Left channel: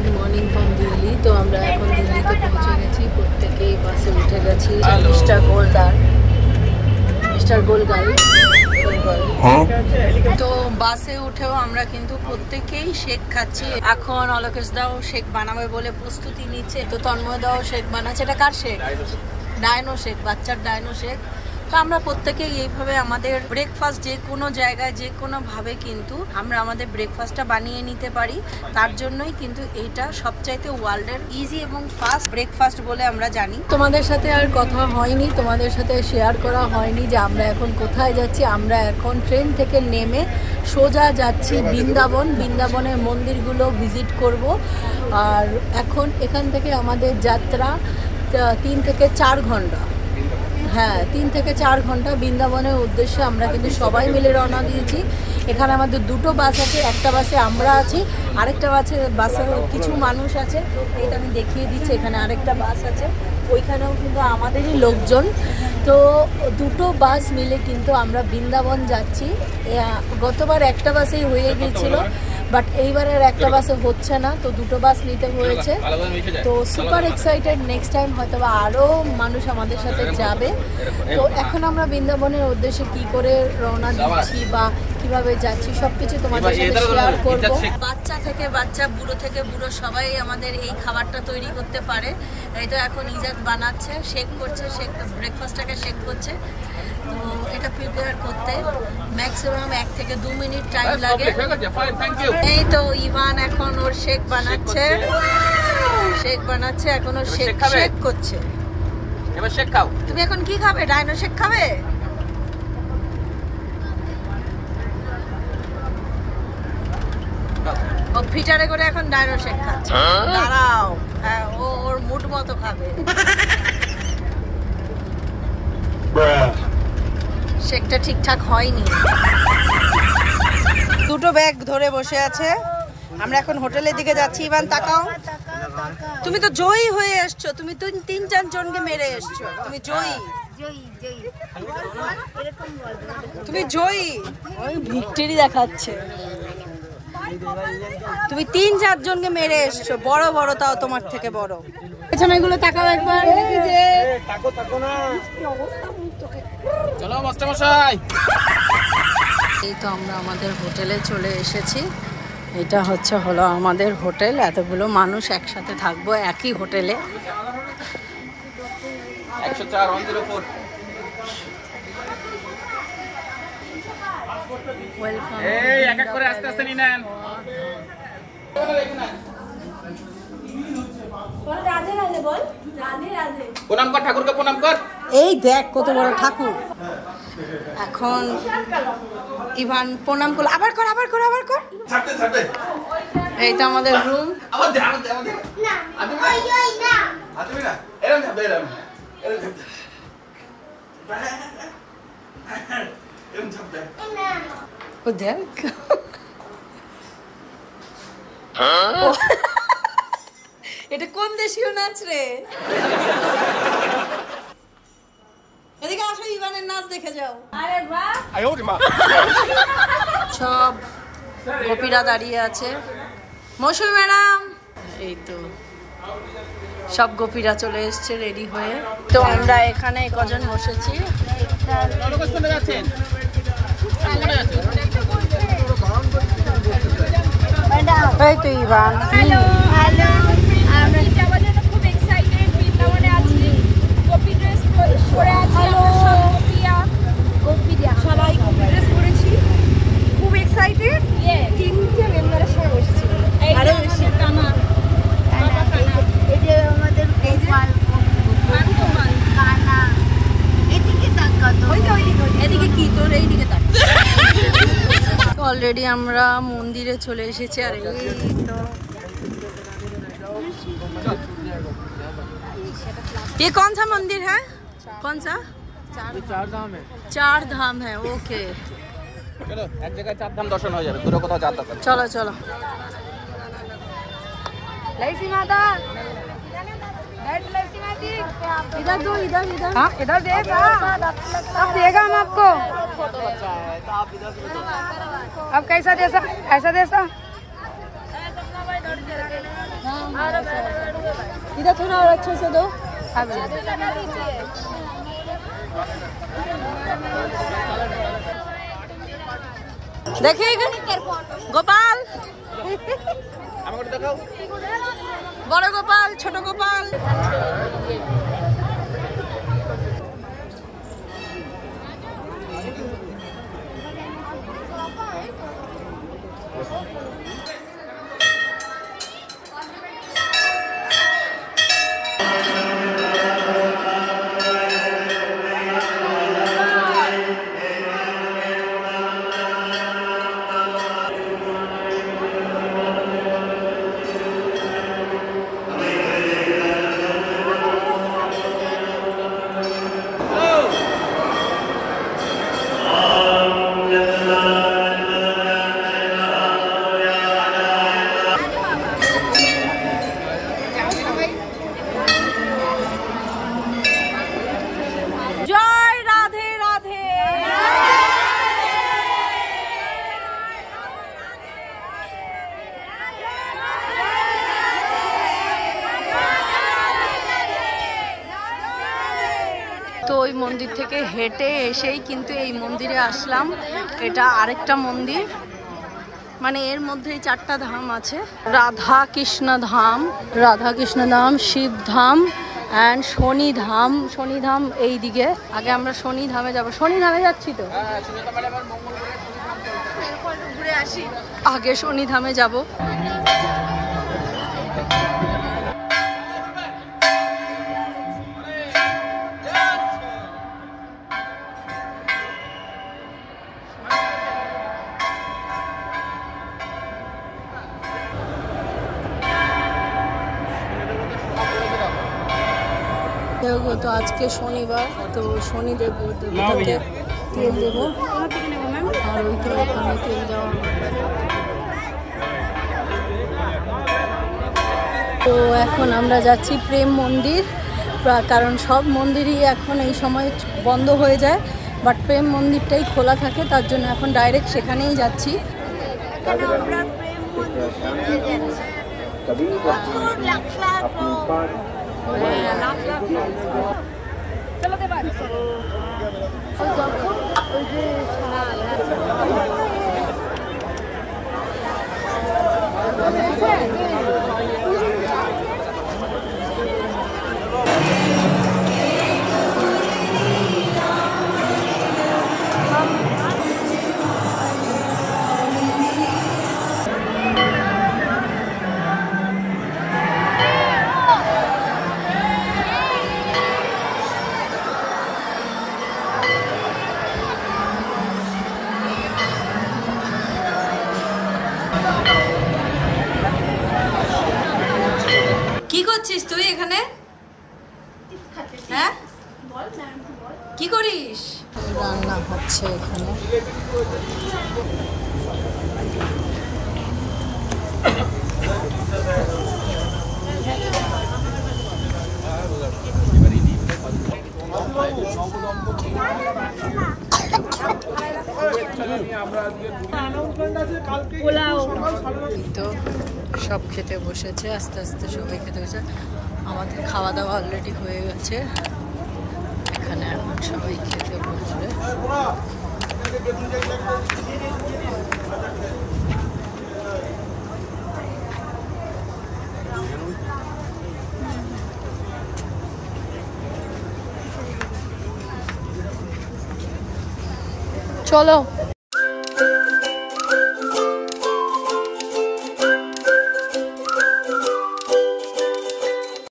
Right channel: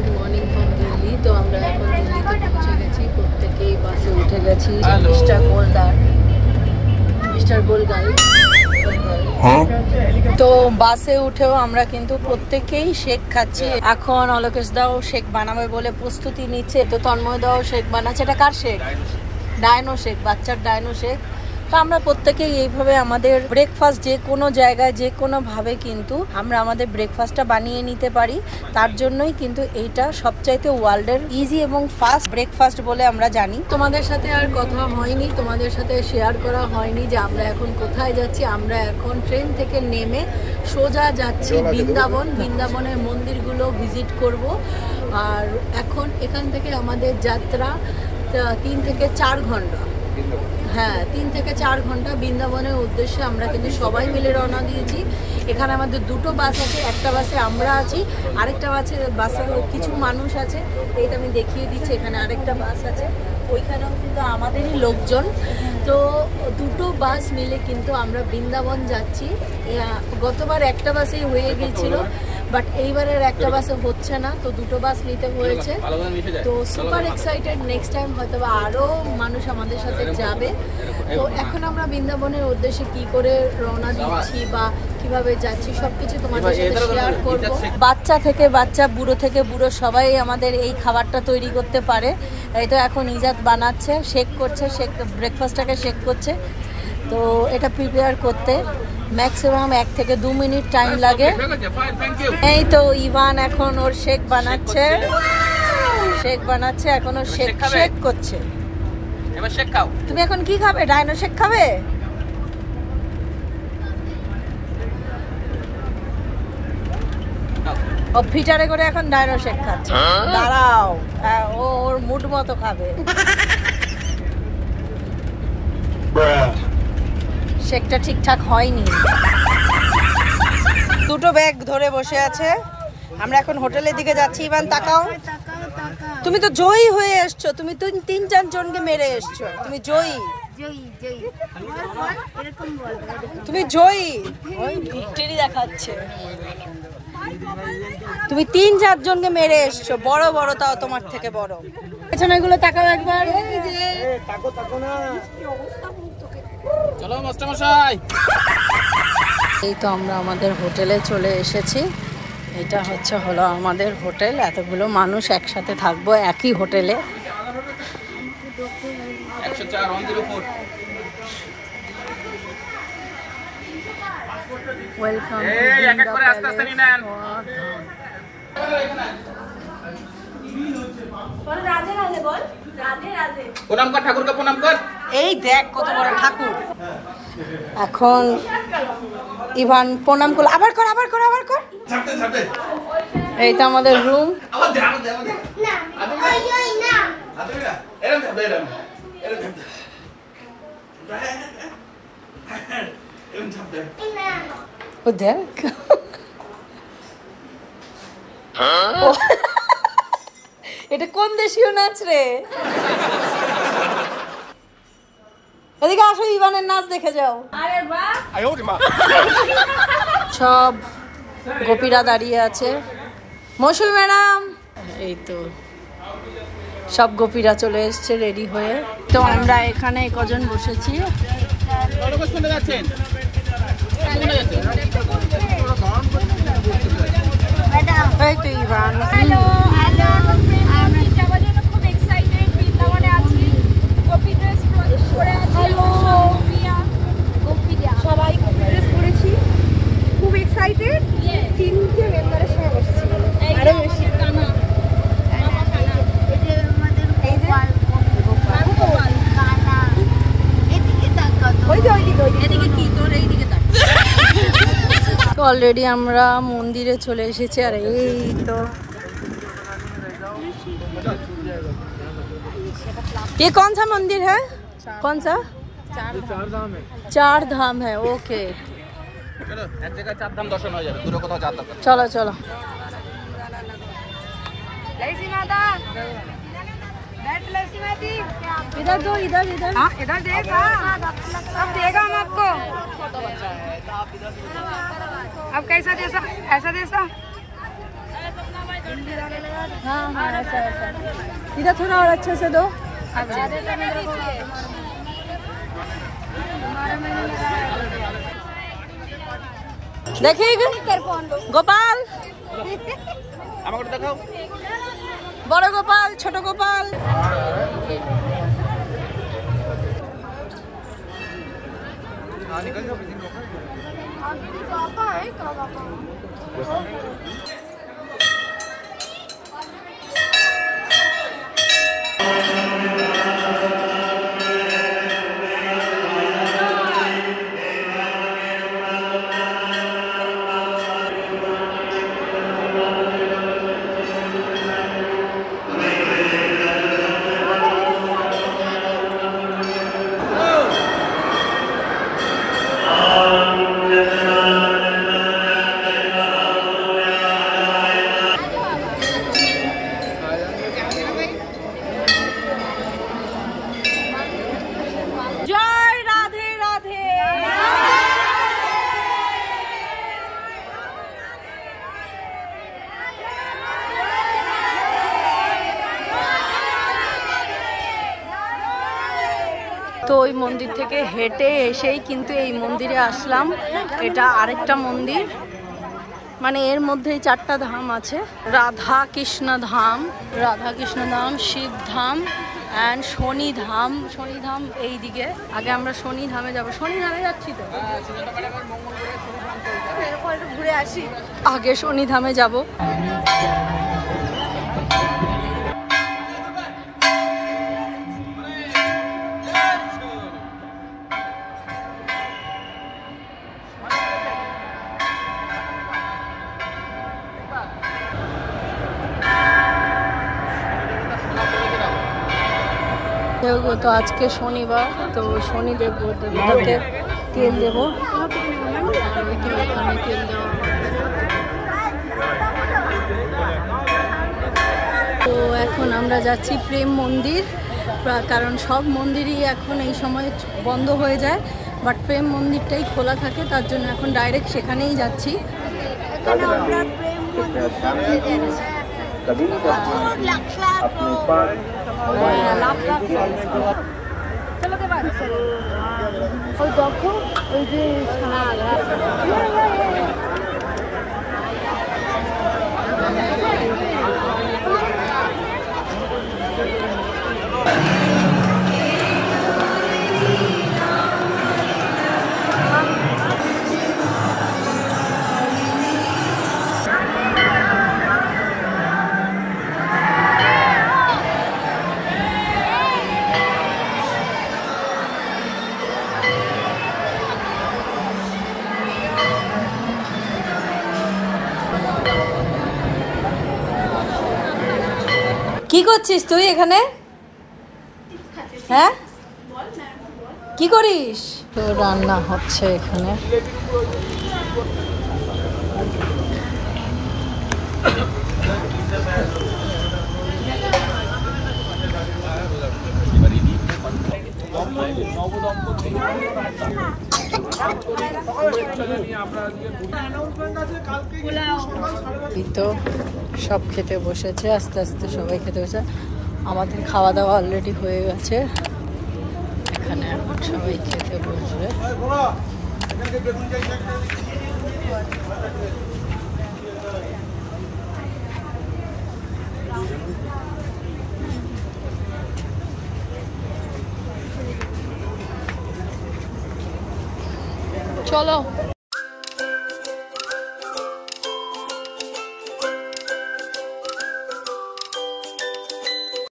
Good morning from Delhi. তো আমরা এখন দিল্লিতে পৌঁছে গেছি, প্রত্যেকেই বাসে উঠে গেছি। মিস্টার গোলগাল তো বাসে উঠেও আমরা কিন্তু প্রত্যেকেই শেক খাচ্ছি। এখন অলোকেশ দাও শেক বানাবে বলে প্রস্তুতি নিচ্ছে। তো তন্ময় দাও শেক বানাচ্ছে। এটা কার শেক? ডায়নো শেক, বাচ্চার ডায়নো শেক। তো আমরা প্রত্যেকেই এইভাবে আমাদের ব্রেকফাস্ট যে কোনো জায়গায় যে কোনোভাবে কিন্তু আমরা আমাদের ব্রেকফাস্টটা বানিয়ে নিতে পারি। তার জন্যই কিন্তু এইটা সবচাইতে ওয়ার্ল্ডের ইজি এবং ফাস্ট ব্রেকফাস্ট বলে আমরা জানি। তোমাদের সাথে আর কথা হয়নি, তোমাদের সাথে শেয়ার করা হয়নি যে আমরা এখন কোথায় যাচ্ছি। আমরা এখন ট্রেন থেকে নেমে সোজা যাচ্ছি বৃন্দাবন। বৃন্দাবনের মন্দিরগুলো ভিজিট করব। আর এখন এখান থেকে আমাদের যাত্রা 3 থেকে 4 ঘন্টা। হ্যাঁ, 3 থেকে 4 ঘন্টা বৃন্দাবনের উদ্দেশ্যে আমরা কিন্তু সবাই মিলে রওনা দিয়েছি। এখানে আমাদের দুটো বাস আছে, একটা বাসে আমরা আছি, আরেকটা বাসে কিছু মানুষ আছে। এইটা আমি দেখিয়ে দিচ্ছি, এখানে আরেকটা বাস আছে, ওইখানেও কিন্তু আমাদেরই লোকজন। তো দুটো বাস মিলে কিন্তু আমরা বৃন্দাবন যাচ্ছি। গতবার একটা বাসেই হয়ে গিয়েছিল, বাট এইবারের একটা বাসে হচ্ছে না, তো দুটো বাস নিতে হয়েছে। তো সুপার এক্সাইটেড, নেক্সট টাইম হয়তো আরও মানুষ আমাদের সাথে যাবে। তো এখন আমরা বৃন্দাবনের উদ্দেশ্যে কি করে রওনা দিচ্ছি বা কিভাবে যাচ্ছি সবকিছু তোমাদের সাথে শেয়ার করব। বাচ্চা থেকে বাচ্চা, বুড়ো থেকে বুড়ো সবাই আমাদের এই খাবারটা তৈরি করতে পারে। এই তো এখন ইজাদ বানাচ্ছে, শেক করছে, শেক ব্রেকফাস্টটাকে শেক করছে। তো এটা প্রিপেয়ার করতে ম্যাক্সিমাম 1 থেকে 2 মিনিট টাইম লাগে। এই তো ইভান এখন ওর শেক বানাচ্ছে, এখন ওর শেক করছে। এবার শেক খাও। তুমি এখন কি খাবে? ডাইনো শেক খাবে? ও ফিটারে করে এখন ডাইনো শেক খাচ্ছে। দাঁড়াও, ও ওর মুড মতো খাবে। শেকটা ঠিকঠাক হয়নি। দুটো ব্যাগ ধরে বসে আছে। আমরা এখন হোটেলের দিকে যাচ্ছি। ইভান তাকাও, তুমি তো জয়ী হয়ে এসছো। তুমি তো 3-4 জনকে মেরে এসছো। তুমি জয়ী, তুমি জয়ী। ওই ভিক্টরি দেখাচ্ছে। তুমি 3-4 জনকে মেরে এসছো, বড় বড়, তাও তোমার থেকে বড়। পেছনে এগুলো তাকাও একবার। চলো মাস্টারমশাই। এই তো আমরা আমাদের হোটেলে চলে এসেছি। এটা হলো আমাদের হোটেল। এতগুলো মানুষ একসাথে থাকবো একই হোটেলে। 104 ওয়েলকাম। এক এক করে আস্তে আস্তে নিয়ে নেন। প্রণাম কর ঠাকুরকে, প্রণাম কর। এই দেখ কত বড় ঠাকুর। এখন ইভান প্রণাম করলো। আবার কর। এই তো আমাদের রুম। ও দেখ, এটা কোন দেশীয় নাচ রে? এদিকে আসো, ইভানের নাচ দেখে যাও। সব গোপীরা দাঁড়িয়ে আছে। মৌসুমী ম্যাডাম, এই তো সব গোপীরা চলে এসছে রেডি হয়ে। তো আমরা এখানে কজন বসেছি। এই তো ইভান। সবাই কপি ড্রেস পরেছি, খুব এক্সাইটেড। 3টে মেম্বারের সঙ্গে বসেছি, আরো বেশি। অলরেডি আমরা মন্দিরে চলে এসেছি। আর এই তো ये कौन सा मंदिर है? कौन सा? 4 धाम है। ओके, চলো এক জায়গায় 4 ধাম দর্শন হয়ে যাবে। তোর কোথাও যাত্রা কর। चलो चलो। इधर दो, इधर इधर देगा। अब देगा हम आपको। अब कैसा ऐसा इधर थोड़ा और अच्छे से दो। अच्छे से लगा दीजिए। देखिए गोपाल, बड़ गोपाल, छोट गोपाल। তো ওই মন্দির থেকে হেঁটে এসেই কিন্তু এই মন্দিরে আসলাম। এটা আরেকটা মন্দির, মানে এর মধ্যেই 4টা ধাম আছে। রাধা কৃষ্ণ ধাম, শিব ধাম অ্যান্ড শনি ধাম। শনি ধাম এই দিকে। আগে আমরা শনি ধামে যাবো। শনি ধামে যাচ্ছি তো, আগে শনি ধামে যাব। তো আজকে শনিবার, তো শনি দেবতাকে তেল দেবো, আর ওই তো এখানে তেল দেওয়া। তো এখন আমরা যাচ্ছি প্রেম মন্দির, কারণ সব মন্দিরই এখন এই সময় বন্ধ হয়ে যায়, বাট প্রেম মন্দিরটাই খোলা থাকে, তার জন্য এখন ডাইরেক্ট সেখানেই যাচ্ছি। লাখ লাখ চলতে পারছে। কি করছিস তুই এখানে? হ্যাঁ, কি করিস? তো রান্না হচ্ছে এখানে। তো সব খেতে বসেছে, আস্তে আস্তে সবাই খেতে বসে। আমাদের খাওয়া দাওয়া অলরেডি হয়ে গেছে, এখানে এখন সবাই খেতে বসবে। চলো।